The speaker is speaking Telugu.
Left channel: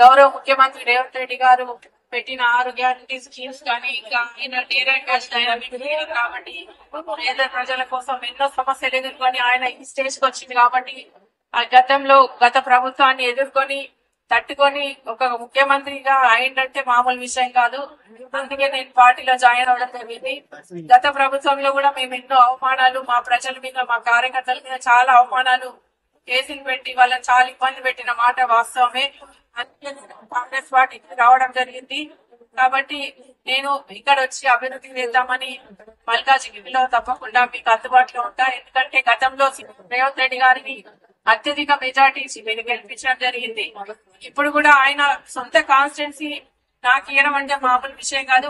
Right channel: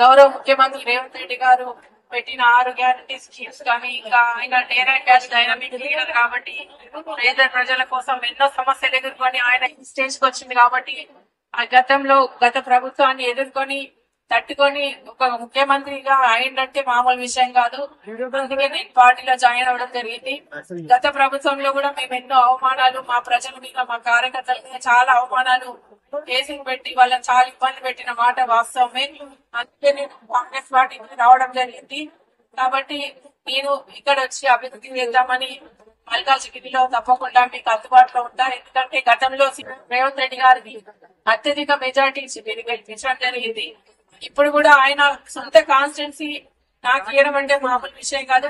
గౌరవ ముఖ్యమంత్రి రేవంత్ రెడ్డి గారు పెట్టిన 6 గ్యారంటీ స్కీమ్స్ కానీ ఇంకా ఆయన డేరా క్యాష్ డైనమిక్ లీడర్ కాబట్టి పేద ప్రజల కోసం ఎన్నో సమస్యలు ఎదుర్కొని ఆయన ఈ స్టేజ్ కి వచ్చింది కాబట్టి గత ప్రభుత్వాన్ని ఎదుర్కొని తట్టుకొని ఒక ముఖ్యమంత్రిగా అయిందంటే మామూలు విషయం కాదు. అందుకే నేను పార్టీలో జాయిన్ అవ్వడం జరిగింది. గత ప్రభుత్వంలో కూడా మేము ఎన్నో అవమానాలు మా ప్రజల మీద మా కార్యకర్తల మీద చాలా అవమానాలు కేసులు పెట్టి వాళ్ళని చాలా ఇబ్బంది పెట్టిన మాట వాస్తవమే. అందుకే నేను కాంగ్రెస్ పార్టీకి రావడం జరిగింది. కాబట్టి నేను ఇక్కడ వచ్చి అభివృద్ధి చేద్దామని మల్కాజిగిరిలో తప్పకుండా మీకు అందుబాటులో ఉంటా. ఎందుకంటే గతంలో రేవంత్ రెడ్డి గారిని అత్యధిక మెజార్టీ ఇచ్చి మీరు గెలిపించడం జరిగింది. ఇప్పుడు కూడా ఆయన సొంత కాన్స్టిట్యున్సీ నాకు ఇవ్వడం అంటే మామూలు విషయం కాదు.